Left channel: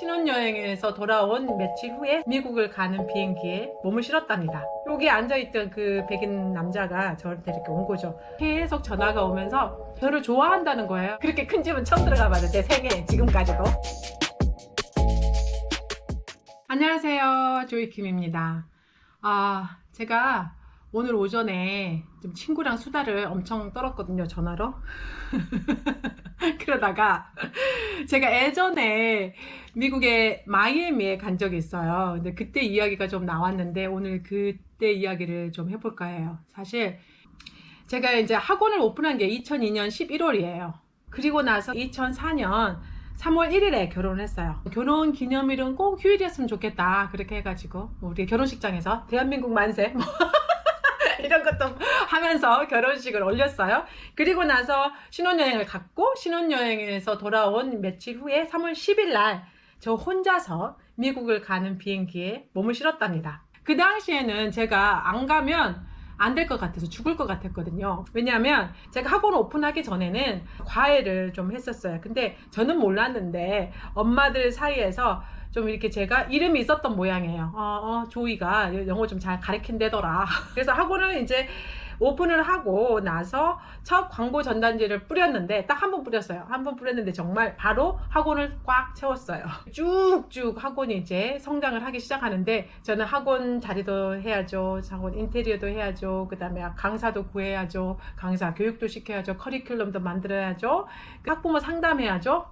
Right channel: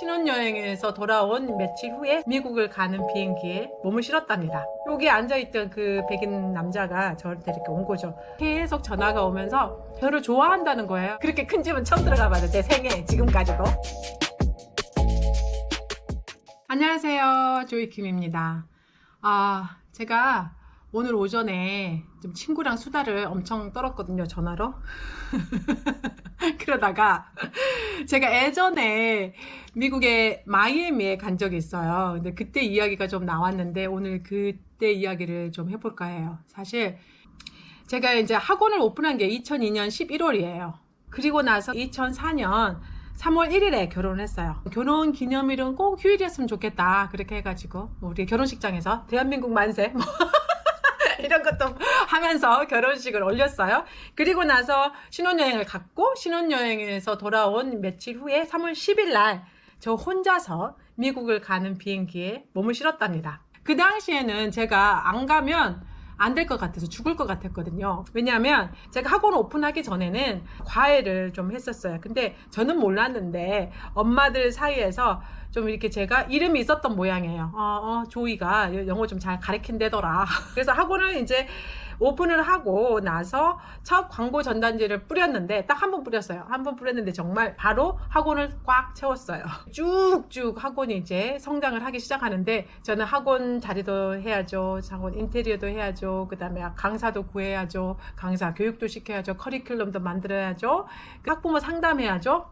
신혼여행에서 돌아온 며칠 후에 미국을 가는 비행기에 몸을 실었답니다. 여기 앉아있던 그 백인 남자가 저한테 이렇게 온 거죠. 계속 전화가 오면서 저를 좋아한다는 거예요. 그렇게 큰 집은 처음 들어가면서 제 생애 지금까지도. 안녕하세요, 조이킴입니다. 제가 오늘 오전에 좀 친구랑 수다를 엄청 떨었거든요, 전화로. 그러다가 제가 예전에 미국의 마이애미에 간 적이 있어요. 근데 그때 이야기가 좀 나왔는데 오늘 그때 이야기를 좀 해볼까 해요. 사실 제가 이제 학원을 오픈한 게 2002년 11월이에요. 그리고 나서 2004년 3월 1일에 결혼을 했어요. 결혼 기념일은 꼭 휴일이었으면 좋겠다. 그렇게 해가지고 우리 결혼식장에서 대한민국 만세 이런 것도 하면서 결혼식을 올렸어요. 그리고 나서 신혼여행을 갔고, 신혼여행에서 돌아온 며칠 후에 3월 10일 날 저 혼자서 미국을 가는 비행기에 몸을 실었답니다. 그 당시에는 제가 안 가면 안 될 것 같아서 죽을 것 같았거든요. 왜냐하면 제가 학원 오픈하기 전에는 과외를 좀 했었어요. 근데 저는 몰랐는데 엄마들 사이에서 좀 이렇게 제가 이름이 있었던 모양이에요. 조이가 영어 좀 잘 가르친대더라. 그래서 학원을 이제 오픈을 하고 나서 첫 광고 전단지를 뿌렸는데 딱 한 번 뿌렸어요. 한 번 뿌렸는데 정말 바로 학원을 꽉 채웠어요. 쭉쭉 학원이 이제 성장을 하기 시작하는데 저는 학원 자리도 해야죠. 학원 인테리어도 해야죠. 그 다음에 강사도 구해야죠. 강사 교육도 시켜야죠. 커리큘럼도 만들어야죠. 학부모 상담해야죠.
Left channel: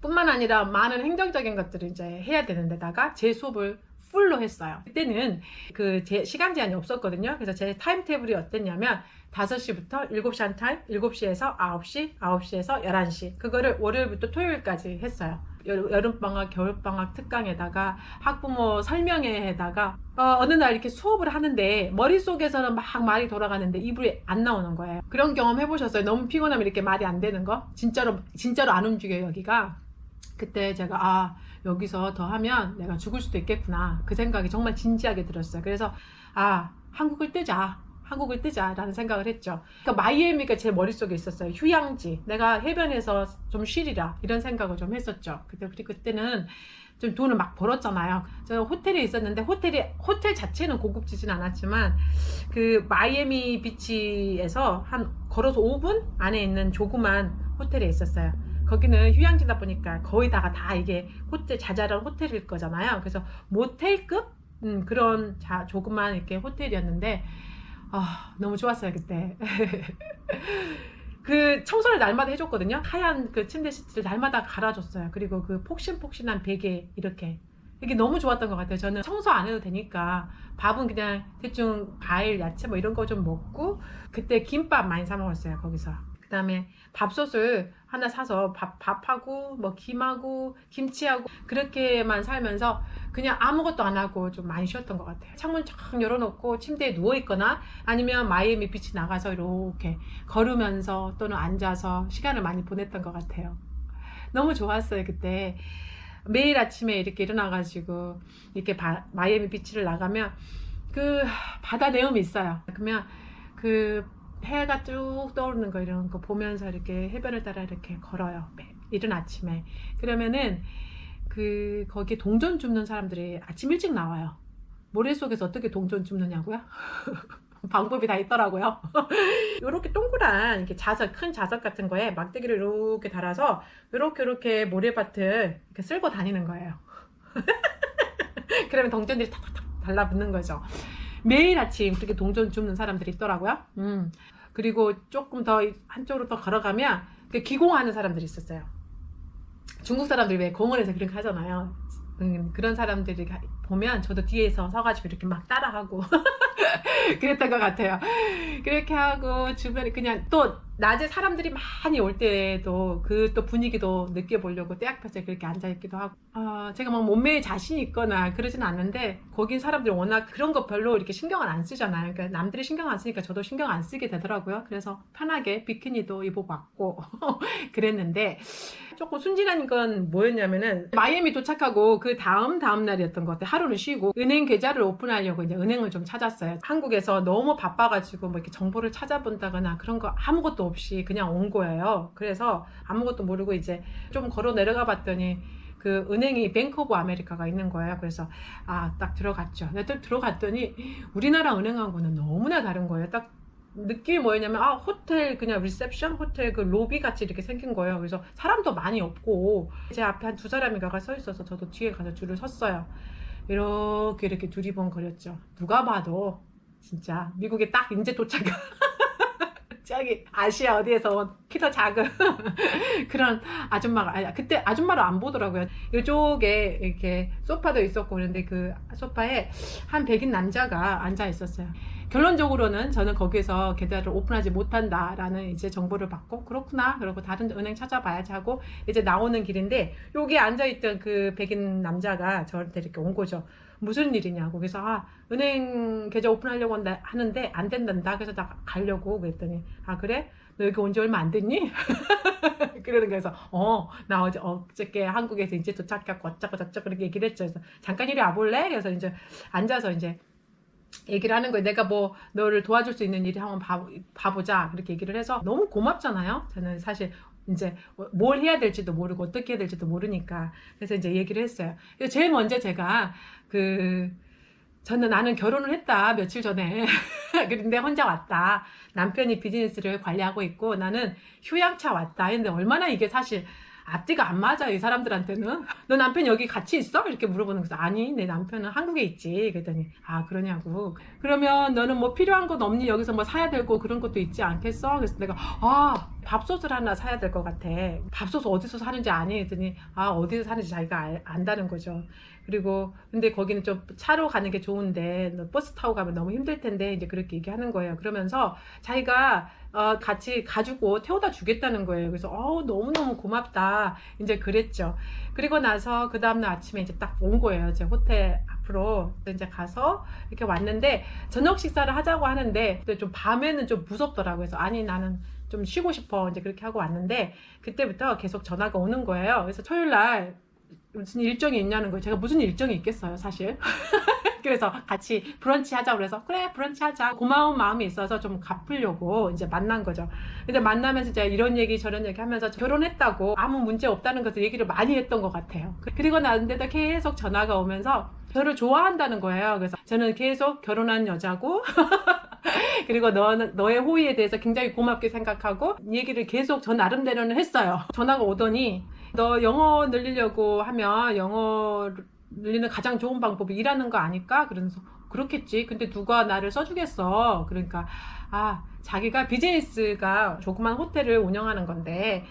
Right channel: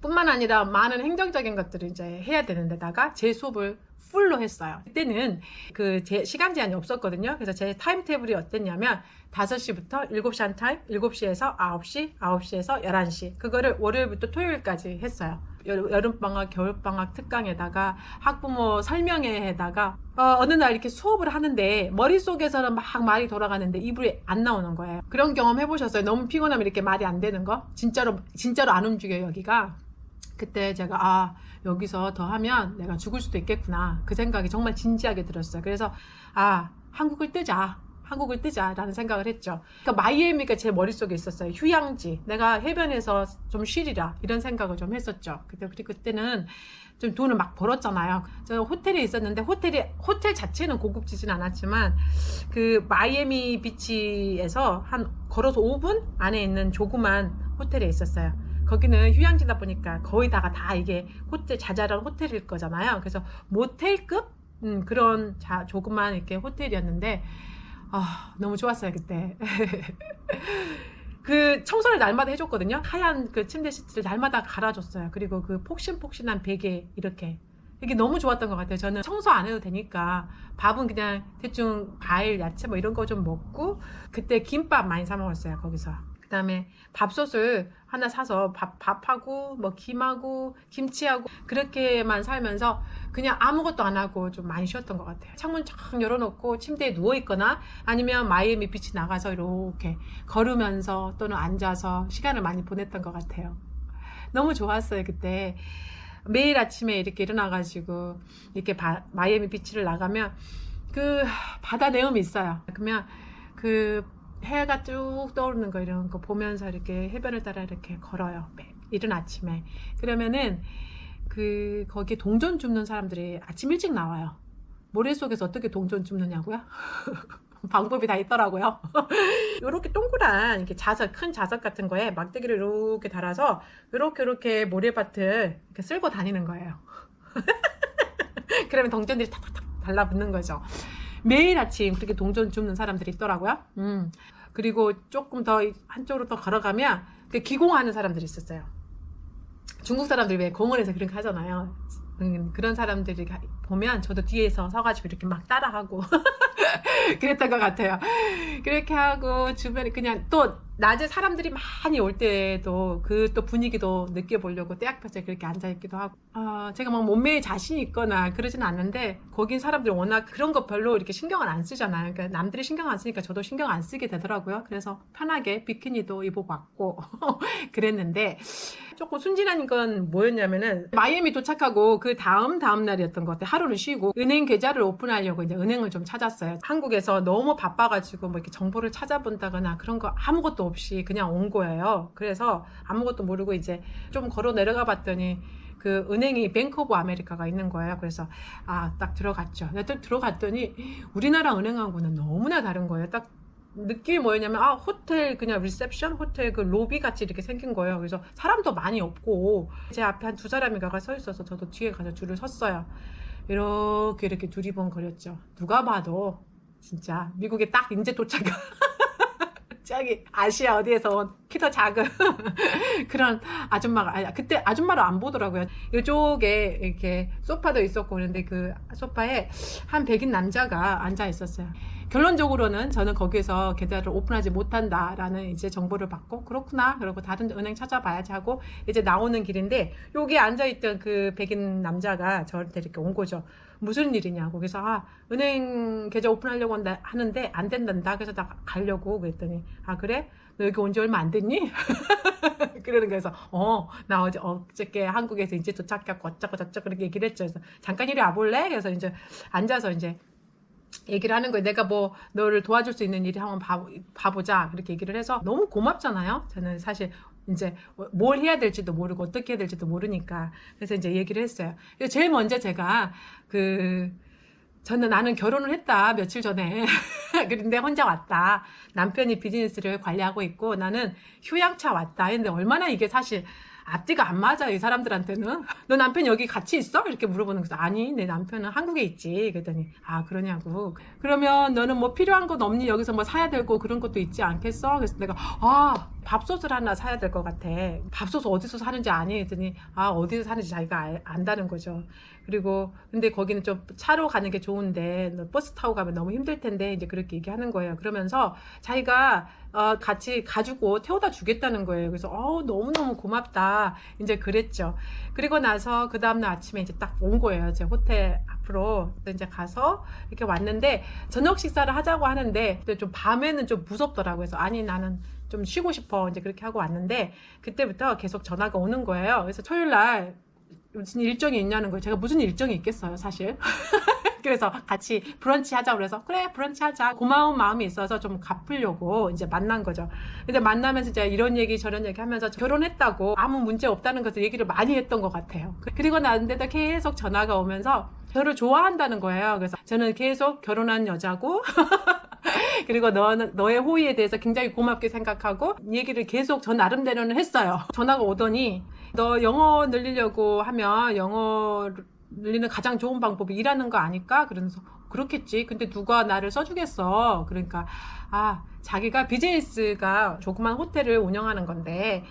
뿐만 아니라 많은 행정적인 것들을 이제 해야 되는 데다가 제 수업을 풀로 했어요. 그때는 그 제 시간 제한이 없었거든요. 그래서 제 타임 테이블이 어땠냐면 5시부터 7시 한 타임, 7시에서 9시, 9시에서 11시. 그거를 월요일부터 토요일까지 했어요. 여름방학, 겨울방학 특강에다가 학부모 설명회에다가 어느 날 이렇게 수업을 하는데 머릿속에서는 막 말이 돌아가는데 입에 안 나오는 거예요. 그런 경험 해보셨어요? 너무 피곤하면 이렇게 말이 안 되는 거? 진짜로 안 움직여요, 여기가. 그때 제가 여기서 더 하면 내가 죽을 수도 있겠구나, 그 생각이 정말 진지하게 들었어요. 그래서 한국을 뜨자 라는 생각을 했죠. 그러니까 마이애미가 제 머릿속에 있었어요. 휴양지, 내가 해변에서 좀 쉬리라, 이런 생각을 좀 했었죠. 그때는 좀 돈을 막 벌었잖아요. 저는 호텔에 있었는데 호텔 자체는 고급지진 않았지만 그 마이애미 비치에서 한 걸어서 5분 안에 있는 조그만 호텔에 있었어요. 거기는 휴양지다 보니까 거의 다 이게 호텔, 자잘한 호텔일 거잖아요. 그래서 모텔급 그런 조그만 이렇게 호텔이었는데 너무 좋았어요 그때. 그 청소를 날마다 해줬거든요. 하얀 그 침대 시트를 날마다 갈아줬어요. 그리고 그 폭신폭신한 베개 이게 너무 좋았던 것 같아요. 저는 청소 안 해도 되니까 밥은 그냥 대충 과일, 야채 뭐 이런 거 좀 먹고, 그때 김밥 많이 사 먹었어요 거기서. 그 다음에 밥솥을 하나 사서 밥하고 뭐 김하고 김치하고 그렇게만 살면서 그냥 아무것도 안 하고 좀 많이 쉬었던 것 같아요. 창문 쫙 열어놓고 침대에 누워있거나 아니면 마이애미 비치 나가서 이렇게 걸으면서 또는 앉아서 시간을 많이 보냈던 것 같아요. 너무 좋았어요 그때. 매일 아침에 이렇게 일어나가지고 이렇게 마이애미 비치를 나가면 그 바다 내음이 있어요. 그러면 그 해가 쭉 떠오르는 거 이런 거 보면서 이렇게 해변을 따라 이렇게 걸어요. 이른 아침에. 그러면은 거기 동전 줍는 사람들이 아침 일찍 나와요. 모래 속에서 어떻게 동전 줍느냐고요? 방법이 다 있더라고요. 이렇게 동그란 이렇게 큰 자석 같은 거에 막대기를 이렇게 달아서 이렇게 모래밭을 이렇게 쓸고 다니는 거예요. 그러면 동전들이 탁탁탁 달라붙는 거죠. 매일 아침 그렇게 동전 줍는 사람들이 있더라고요. 그리고 조금 더 한쪽으로 더 걸어가면 그 기공하는 사람들이 있었어요. 중국 사람들 왜 공원에서 그렇게 하잖아요. 그런 사람들이 보면 저도 뒤에서 서가지고 이렇게 막 따라하고 그랬던 것 같아요. 그렇게 하고 주변에 그냥 또 낮에 사람들이 많이 올 때도 또 분위기도 느껴보려고 때 앞에서 그렇게 앉아있기도 하고, 제가 막 몸매에 자신이 있거나 그러진 않는데 거기 사람들이 워낙 그런 거 별로 이렇게 신경을 안 쓰잖아요. 그러니까 남들이 신경 안 쓰니까 저도 신경 안 쓰게 되더라고요. 그래서 편하게 비키니도 입어봤고 그랬는데, 조금 순진한 건 뭐였냐면은 마이애미 도착하고 그 다음 날이었던 것 같아요. 하루는 쉬고 은행 계좌를 오픈하려고 이제 은행을 좀 찾았어요. 한국에서 너무 바빠가지고 뭐 이렇게 정보를 찾아본다거나 그런 거 아무것도 없이 그냥 온 거예요. 그래서 아무것도 모르고 이제 좀 걸어 내려가 봤더니 그 은행이 뱅크 오브 아메리카가 있는 거예요. 그래서 딱 들어갔죠. 근데 또 들어갔더니 우리나라 은행하고는 너무나 다른 거예요. 딱 느낌이 뭐였냐면 호텔 그냥 리셉션 호텔 그 로비 같이 이렇게 생긴 거예요. 그래서 사람도 많이 없고 제 앞에 한 두 사람이 가가 서 있어서 저도 뒤에 가서 줄을 섰어요. 이렇게 두리번거렸죠. 누가 봐도 진짜 미국에 딱 이제 도착한 저기 아시아 어디에서 키 더 작은 그런 아줌마가 그때 아줌마를 안 보더라고요. 이쪽에 이렇게 소파도 있었고 그런데 그 소파에 한 백인 남자가 앉아 있었어요. 결론적으로는 저는 거기에서 계좌를 오픈하지 못한다라는 이제 정보를 받고 그렇구나 그러고 다른 은행 찾아봐야지 하고 이제 나오는 길인데 여기 앉아있던 그 백인 남자가 저한테 이렇게 온 거죠. 무슨 일이냐고. 그래서 은행 계좌 오픈하려고 하는데 안 된단다. 그래서 나 가려고 그랬더니 그래? 너 여기 온 지 얼마 안 됐니? 그러는 거에서 나 어저께 한국에서 이제 도착했고 어쩌고 저쩌고 그렇게 얘기를 했죠. 그래서 잠깐 이리 와볼래? 그래서 이제 앉아서 이제 얘기를 하는 거예요. 내가 뭐 너를 도와줄 수 있는 일이 한번 봐보자 그렇게 얘기를 해서 너무 고맙잖아요. 저는 사실 이제 뭘 해야 될지도 모르고 어떻게 해야 될지도 모르니까 그래서 이제 얘기를 했어요. 그래서 제일 먼저 제가 나는 결혼을 했다 며칠 전에 그런데 혼자 왔다. 남편이 비즈니스를 관리하고 있고 나는 휴양차 왔다 했는데 얼마나 이게 사실 앞뒤가 안 맞아 이 사람들한테는. 너 남편 여기 같이 있어? 이렇게 물어보는 거죠. 아니 내 남편은 한국에 있지. 그랬더니 그러냐고. 그러면 너는 뭐 필요한 것 없니? 여기서 뭐 사야 되고 그런 것도 있지 않겠어? 그래서 내가 밥솥을 하나 사야 될 것 같아. 밥솥을 어디서 사는지 아니? 했더니 어디서 사는지 자기가 안다는 거죠. 그리고 근데 거기는 좀 차로 가는 게 좋은데 너 버스 타고 가면 너무 힘들 텐데 이제 그렇게 얘기하는 거예요. 그러면서 자기가 같이 가지고 태워다 주겠다는 거예요. 그래서 너무너무 고맙다 이제 그랬죠. 그리고 나서 그 다음날 아침에 이제 딱 온 거예요. 제 호텔 앞으로 이제 가서 이렇게 왔는데 저녁 식사를 하자고 하는데 근데 좀 밤에는 좀 무섭더라고요. 그래서 아니 나는 좀 쉬고 싶어 이제 그렇게 하고 왔는데 그때부터 계속 전화가 오는 거예요. 그래서 토요일날 무슨 일정이 있냐는 거예요. 제가 무슨 일정이 있겠어요 사실. 그래서 같이 브런치 하자고 그래서 그래 브런치 하자. 고마운 마음이 있어서 좀 갚으려고 이제 만난 거죠. 근데 만나면서 이제 이런 얘기 저런 얘기 하면서 결혼했다고 아무 문제 없다는 것을 얘기를 많이 했던 것 같아요. 그리고 나는데도 계속 전화가 오면서 저를 좋아한다는 거예요. 그래서 저는 계속 결혼한 여자고 그리고 너의 호의에 대해서 굉장히 고맙게 생각하고 얘기를 계속 저 나름대로는 했어요. 전화가 오더니 너 영어 늘리려고 하면 영어 늘리는 가장 좋은 방법이 일하는 거 아닐까? 그러면서 그렇겠지. 근데 누가 나를 써주겠어. 그러니까 자기가 비즈니스가 조그만 호텔을 운영하는 건데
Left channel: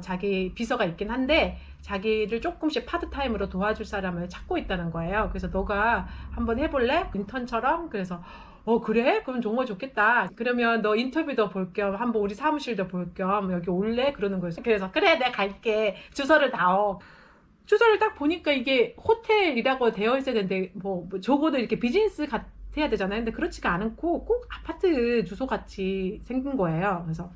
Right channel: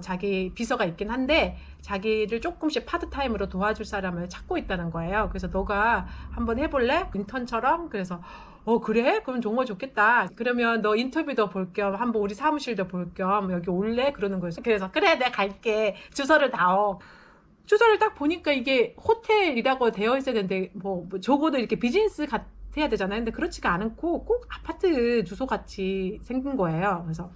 자기 비서가 있긴 한데 자기를 조금씩 파트타임으로 도와줄 사람을 찾고 있다는 거예요. 그래서 너가 한번 해볼래? 인턴처럼? 그래서 그래? 그럼 정말 좋겠다. 그러면 너 인터뷰도 볼 겸 한번 우리 사무실도 볼 겸 여기 올래? 그러는 거예요. 그래서 그래 내가 갈게. 주소를 다오. 주소를 딱 보니까 이게 호텔이라고 되어 있어야 되는데 뭐 적어도 이렇게 비즈니스 해야 되잖아요. 근데 그렇지가 않고 꼭 아파트 주소 같이 생긴 거예요. 그래서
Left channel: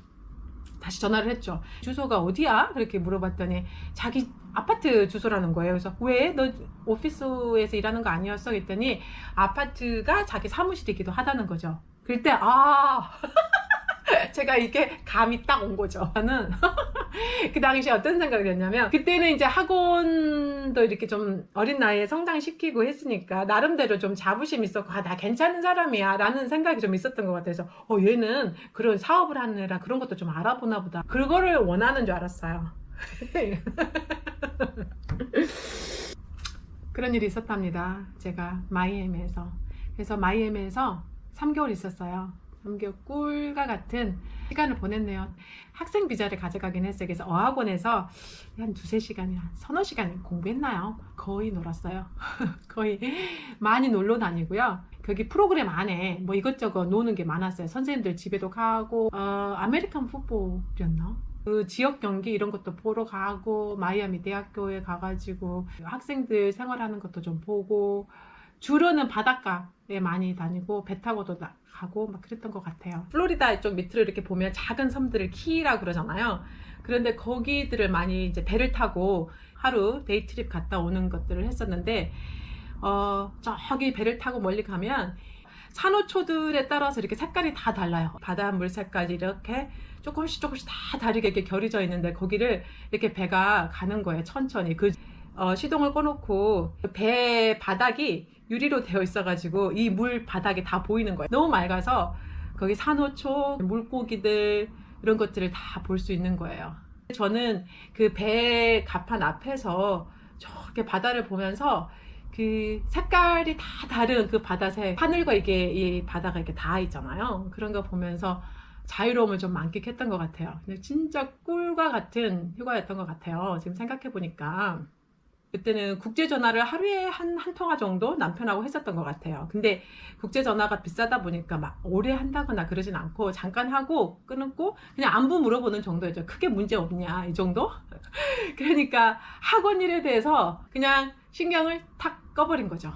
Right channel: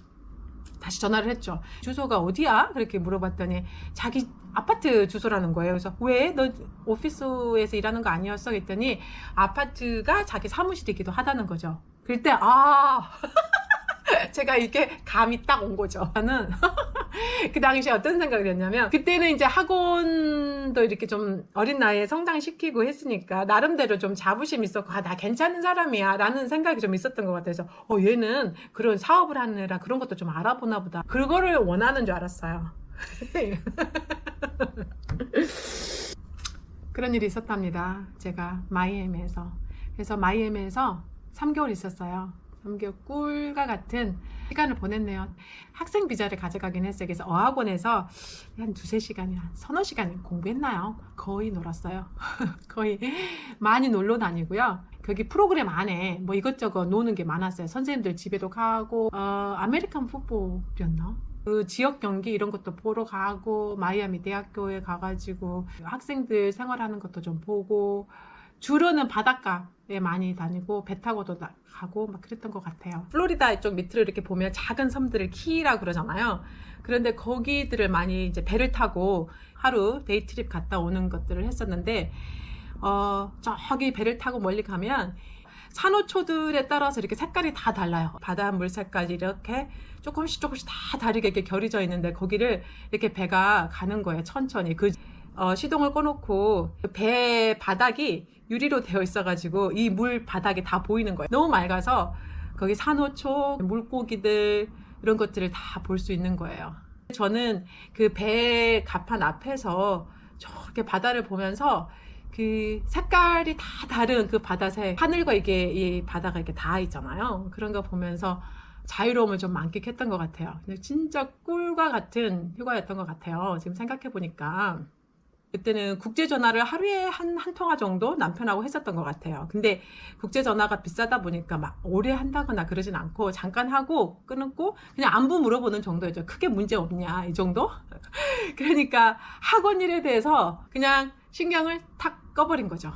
다시 전화를 했죠. 주소가 어디야? 그렇게 물어봤더니 자기 아파트 주소라는 거예요. 그래서 왜? 너 오피스에서 일하는 거 아니었어? 했더니 아파트가 자기 사무실이기도 하다는 거죠. 그때 제가 이렇게 감이 딱 온 거죠. 저는 그 당시에 어떤 생각을 했냐면 그때는 이제 학원도 이렇게 좀 어린 나이에 성장시키고 했으니까 나름대로 좀 자부심 있었고 나 괜찮은 사람이야 라는 생각이 좀 있었던 것 같아서 얘는 그런 사업을 하느라 그런 것도 좀 알아보나 보다. 그거를 원하는 줄 알았어요. 그런 일이 있었답니다. 제가 마이애미에서. 그래서 마이애미에서 3개월 있었어요. 3개월 꿀과 같은 시간을 보냈네요. 학생 비자를 가져가긴 했어요. 그래서 어학원에서 한 2-3시간, 한 서너 시간 공부했나요? 거의 놀았어요. 거의 많이 놀러 다니고요. 거기 프로그램 안에 뭐 이것저것 노는 게 많았어요. 선생님들 집에도 가고 아메리칸 풋볼이었나? 그 지역 경기 이런 것도 보러 가고 마이애미 대학교에 가가지고 학생들 생활하는 것도 좀 보고 주로는 바닷가에 많이 다니고 배 타고도 가고 막 그랬던 것 같아요. 플로리다 쪽 밑으로 이렇게 보면 작은 섬들을 키라고 그러잖아요. 그런데 거기들을 많이 이제 배를 타고 하루 데이트립 갔다 오는 것들을 했었는데 저기 배를 타고 멀리 가면 산호초들에 따라서 이렇게 색깔이 다 달라요. 바닷물 색깔이 이렇게 조금씩 다 다르게 이렇게 결이져 있는데 거기를 이렇게 배가 가는 거예요. 천천히. 시동을 꺼놓고 배 바닥이 유리로 되어 있어가지고 이 물 바닥이 다 보이는 거예요. 너무 맑아서 거기 산호초, 물고기들 이런 것들을 다 볼 수 있는 거예요. 저는 그 배 갑판 앞에서 저렇게 바다를 보면서 그 색깔이 다 다른 그 바다색, 하늘과 이게 이 바다가 이렇게 닿아 있잖아요. 그런 거 보면서 자유로움을 좀 만끽했던 것 같아요. 진짜 꿀과 같은 휴가였던 것 같아요. 지금 생각해 보니까. 그때는 국제전화를 하루에 한 통화 정도 남편하고 했었던 것 같아요. 근데 국제전화가 비싸다 보니까 막 오래 한다거나 그러진 않고 잠깐 하고 끊고 그냥 안부 물어보는 정도였죠. 크게 문제 없냐 이 정도? 그러니까 학원 일에 대해서 그냥 신경을 탁 꺼버린 거죠.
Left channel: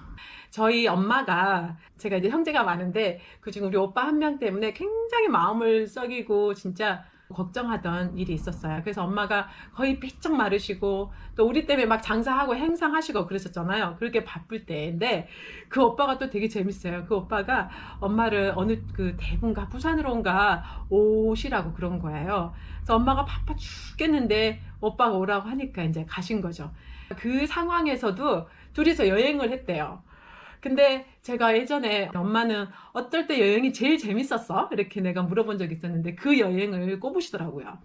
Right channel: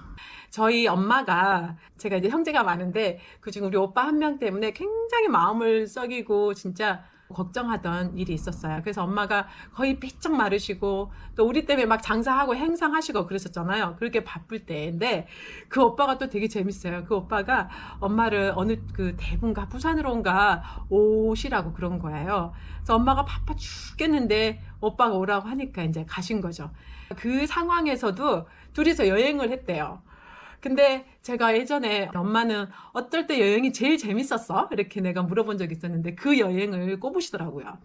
저희 엄마가, 제가 이제 형제가 많은데 그중에 우리 오빠 한 명 때문에 굉장히 마음을 썩이고 진짜 걱정하던 일이 있었어요. 그래서 엄마가 거의 삐쩍 마르시고 또 우리 때문에 막 장사하고 행상하시고 그랬었잖아요. 그렇게 바쁠 때인데 그 오빠가 또 되게 재밌어요. 그 오빠가 엄마를 어느 그 대구인가 부산으로인가 오시라고 그런 거예요. 그래서 엄마가 바빠 죽겠는데 오빠가 오라고 하니까 이제 가신 거죠. 그 상황에서도 둘이서 여행을 했대요. 근데 제가 예전에 엄마는 어떨 때 여행이 제일 재밌었어? 이렇게 내가 물어본 적이 있었는데 그 여행을 꼽으시더라고요.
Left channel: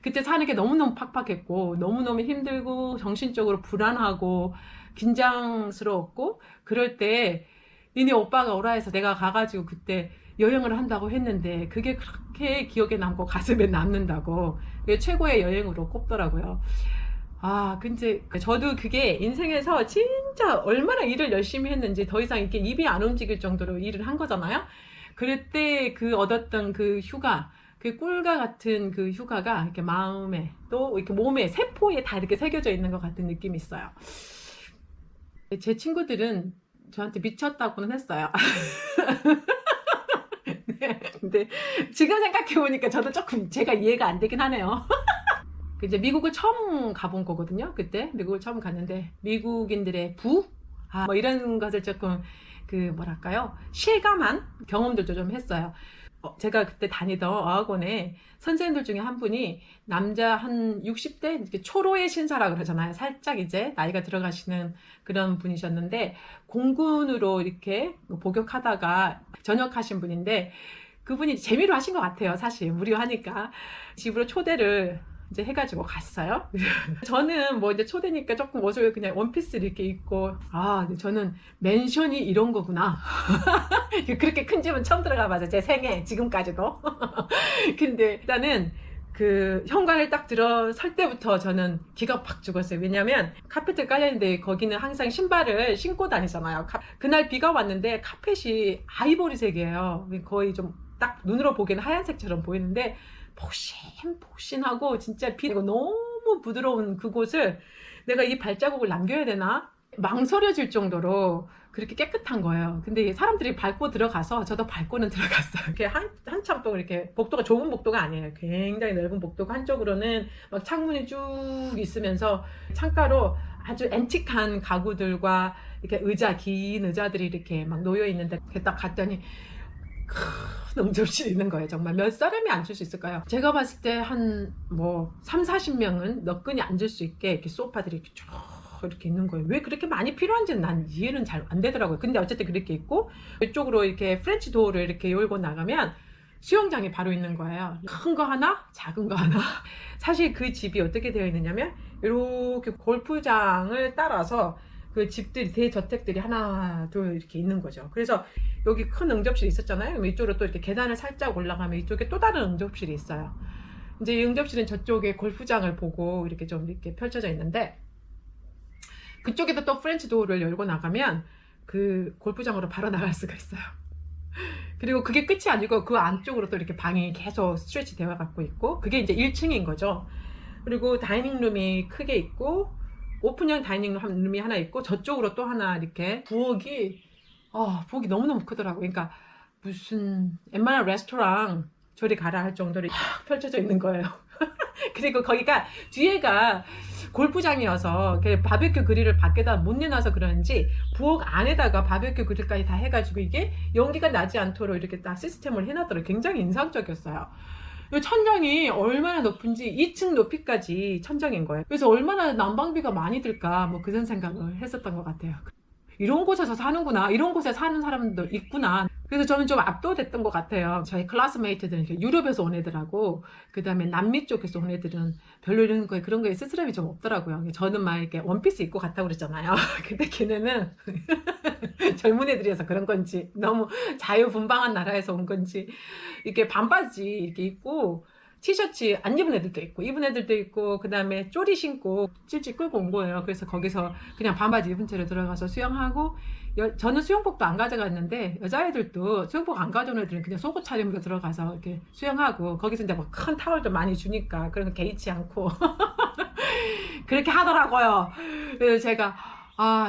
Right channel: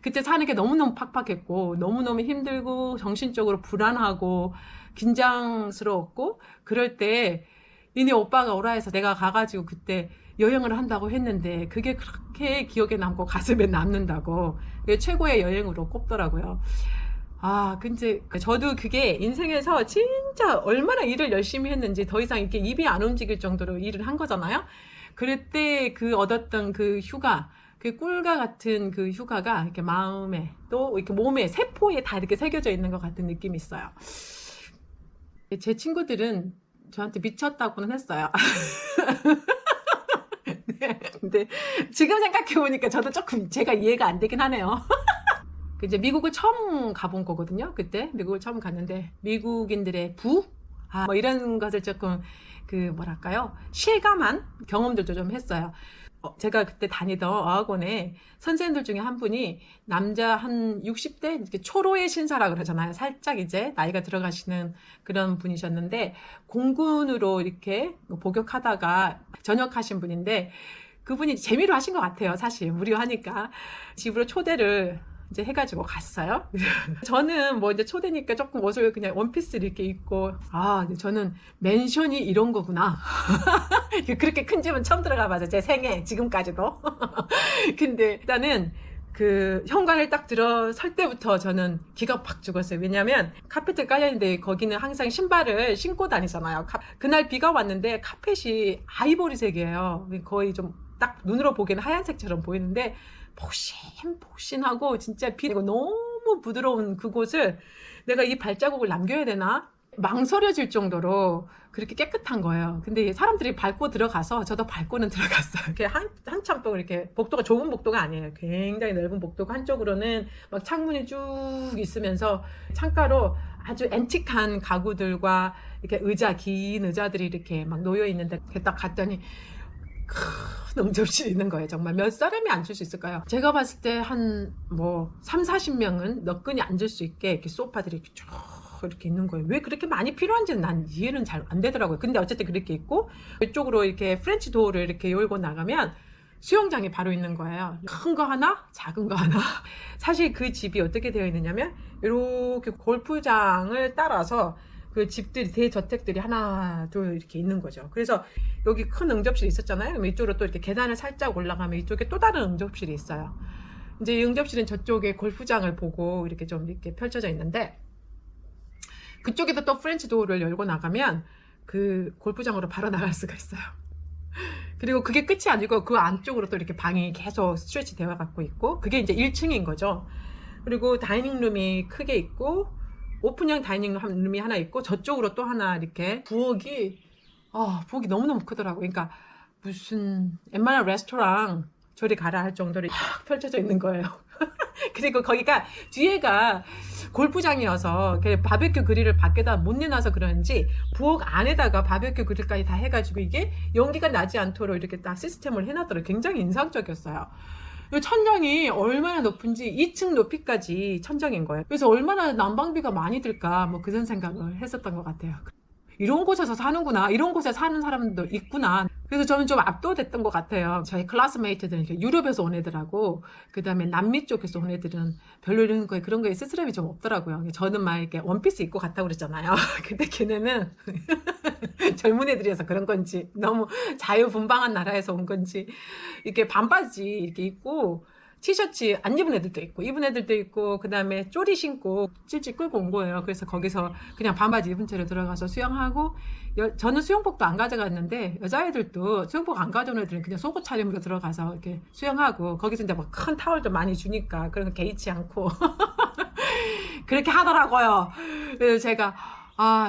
그때 사는 게 너무너무 팍팍했고 너무너무 힘들고 정신적으로 불안하고 긴장스러웠고 그럴 때 니네 오빠가 오라 해서 내가 가가지고 그때 여행을 한다고 했는데 그게 그렇게 기억에 남고 가슴에 남는다고 그게 최고의 여행으로 꼽더라고요. 근데 저도 그게 인생에서 진짜 얼마나 일을 열심히 했는지 더 이상 이렇게 입이 안 움직일 정도로 일을 한 거잖아요. 그럴 때 그 얻었던 그 휴가, 그 꿀과 같은 그 휴가가 이렇게 마음에 또 이렇게 몸에 세포에 다 이렇게 새겨져 있는 것 같은 느낌이 있어요. 제 친구들은 저한테 미쳤다고는 했어요. 네, 근데 지금 생각해 보니까 저도 조금 제가 이해가 안 되긴 하네요. 이제 미국을 처음 가본 거거든요. 그때 미국을 처음 갔는데 미국인들의 뭐 이런 것을 조금 그 뭐랄까요 실감한 경험들도 좀 했어요. 제가 그때 다니던 어학원에 선생님들 중에 한 분이 남자 한 60대 이렇게 초로의 신사라고 그러잖아요. 살짝 이제 나이가 들어가시는 그런 분이셨는데 공군으로 이렇게 복역하다가 전역하신 분인데 그분이 재미로 하신 것 같아요. 사실 무료하니까 집으로 초대를 이제 해가지고 갔어요. 저는 뭐 이제 초대니까 조금 옷을 그냥 원피스를 이렇게 입고 근데 저는 맨션이 이런 거구나. 그렇게 큰 집은 처음 들어가면서 제 생애 지금까지도. 근데 일단은 그 현관을 딱 들어설 때부터 저는 기가 팍 죽었어요. 왜냐면 카펫이 깔려있는데 거기는 항상 신발을 신고 다니잖아요. 그날 비가 왔는데 카펫이 아이보리색이에요. 거의 좀 딱 눈으로 보기에는 하얀색처럼 보이는데 폭신하고 진짜 비가 너무 부드러운 그곳을 내가 이 발자국을 남겨야 되나? 망설여질 정도로 그렇게 깨끗한 거예요. 근데 사람들이 밟고 들어가서 저도 밟고는 들어갔어요. 이렇게 한참 또 이렇게 복도가 좁은 복도가 아니에요. 굉장히 넓은 복도가 한쪽으로는 막 창문이 쭉 있으면서 창가로 아주 앤틱한 가구들과 이렇게 긴 의자들이 이렇게 막 놓여 있는데 딱 갔더니 큰 응접실이 있는 거예요. 정말 몇 사람이 앉을 수 있을까요? 제가 봤을 때 한 뭐 3, 40명은 너끈히 앉을 수 있게 이렇게 소파들이 이렇게 쭉 이렇게 있는 거예요. 왜 그렇게 많이 필요한지는 난 이해는 잘 안 되더라고요. 근데 어쨌든 그렇게 있고 이쪽으로 이렇게 프렌치 도어를 이렇게 열고 나가면 수영장이 바로 있는 거예요. 큰 거 하나, 작은 거 하나. 사실 그 집이 어떻게 되어 있느냐면 이렇게 골프장을 따라서 그 집들이 대저택들이 하나 둘 이렇게 있는 거죠. 그래서 여기 큰 응접실이 있었잖아요. 이쪽으로 또 이렇게 계단을 살짝 올라가면 이쪽에 또 다른 응접실이 있어요. 이제 이 응접실은 저쪽에 골프장을 보고 이렇게 좀 이렇게 펼쳐져 있는데 그쪽에도 또 프렌치 도어를 열고 나가면 그 골프장으로 바로 나갈 수가 있어요. 그리고 그게 끝이 아니고 그 안쪽으로 또 이렇게 방이 계속 스트레치 되어 갖고 있고 그게 이제 1층인 거죠. 그리고 다이닝룸이 크게 있고 오픈형 다이닝룸이 하나 있고 저쪽으로 또 하나 이렇게 부엌이 너무너무 크더라고요. 그러니까 무슨 웬만한 레스토랑 저리 가라 할 정도로 펼쳐져 있는 거예요. 그리고 거기가 뒤에가 골프장이어서 바베큐 그릴을 밖에다 못 내놔서 그런지 부엌 안에다가 바베큐 그릴까지 다 해가지고 이게 연기가 나지 않도록 이렇게 딱 시스템을 해놨더라고요. 굉장히 인상적이었어요. 천정이 얼마나 높은지 2층 높이까지 천정인 거예요. 그래서 얼마나 난방비가 많이 들까 뭐 그런 생각을 했었던 것 같아요. 이런 곳에서 사는구나, 이런 곳에 사는 사람도 있구나. 그래서 저는 좀 압도됐던 것 같아요. 저희 클래스메이트들, 이렇게 유럽에서 온 애들하고 그 다음에 남미 쪽에서 온 애들은 별로 이런 거에 그런 거에 쓸 사람이 좀 없더라고요. 저는 막 이렇게 원피스 입고 갔다고 그랬잖아요. 근데 걔네는 젊은 애들이어서 그런 건지, 너무 자유분방한 나라에서 온 건지, 이렇게 반바지 이렇게 입고 티셔츠 안 입은 애들도 있고 입은 애들도 있고, 그 다음에 쪼리 신고 찔찔 끌고 온 거예요. 그래서 거기서 그냥 반바지 입은 채로 들어가서 수영하고, 저는 수영복도 안 가져갔는데 여자애들도 수영복 안 가져온 애들은 그냥 속옷 차림으로 들어가서 이렇게 수영하고, 거기서 이제 뭐 큰 타월도 많이 주니까 그래서 개의치 않고 그렇게 하더라고요. 그래서 제가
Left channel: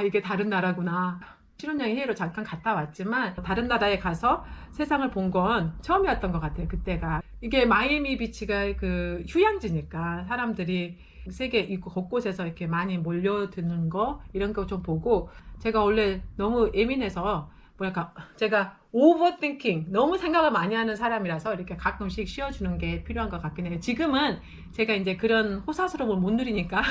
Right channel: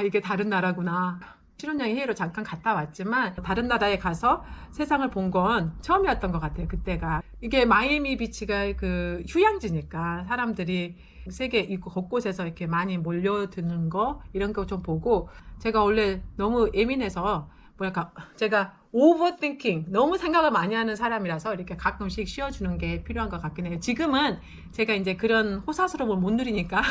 이게 다른 나라구나. 실현여행 회의로 잠깐 갔다 왔지만 다른 나라에 가서 세상을 본 건 처음이었던 것 같아요. 그때가 이게 마이애미 비치가 그 휴양지니까 사람들이 세계 곳곳에서 이렇게 많이 몰려드는 거, 이런 거 좀 보고, 제가 원래 너무 예민해서 뭐랄까, 제가 오버띵킹, 너무 생각을 많이 하는 사람이라서 이렇게 가끔씩 쉬어주는 게 필요한 것 같긴 해요. 지금은 제가 이제 그런 호사스러움을 못 누리니까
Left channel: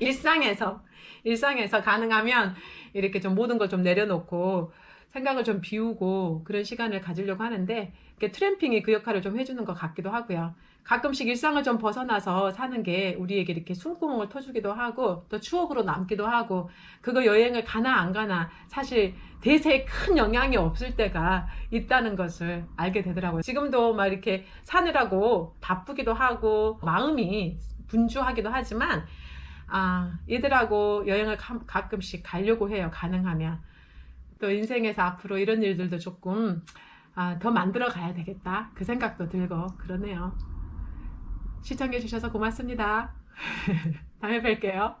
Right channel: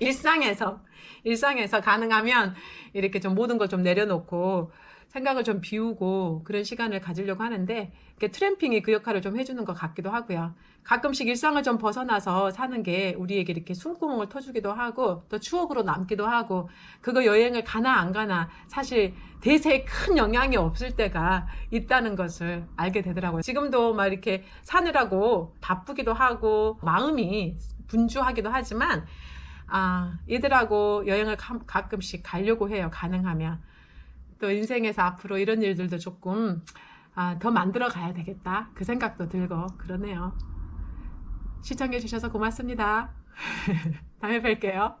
일상에서 가능하면 이렇게 좀 모든 걸 좀 내려놓고 생각을 좀 비우고 그런 시간을 가지려고 하는데, 이렇게 트램핑이 그 역할을 좀 해주는 것 같기도 하고요. 가끔씩 일상을 좀 벗어나서 사는 게 우리에게 이렇게 숨구멍을 터주기도 하고 또 추억으로 남기도 하고, 그거 여행을 가나 안 가나 사실 대세에 큰 영향이 없을 때가 있다는 것을 알게 되더라고요. 지금도 막 이렇게 사느라고 바쁘기도 하고 마음이 분주하기도 하지만, 얘들하고 여행을 가끔씩 가려고 해요. 가능하면. 또 인생에서 앞으로 이런 일들도 조금 더 만들어 가야 되겠다, 그 생각도 들고 그러네요. 시청해 주셔서 고맙습니다. 다음에 뵐게요.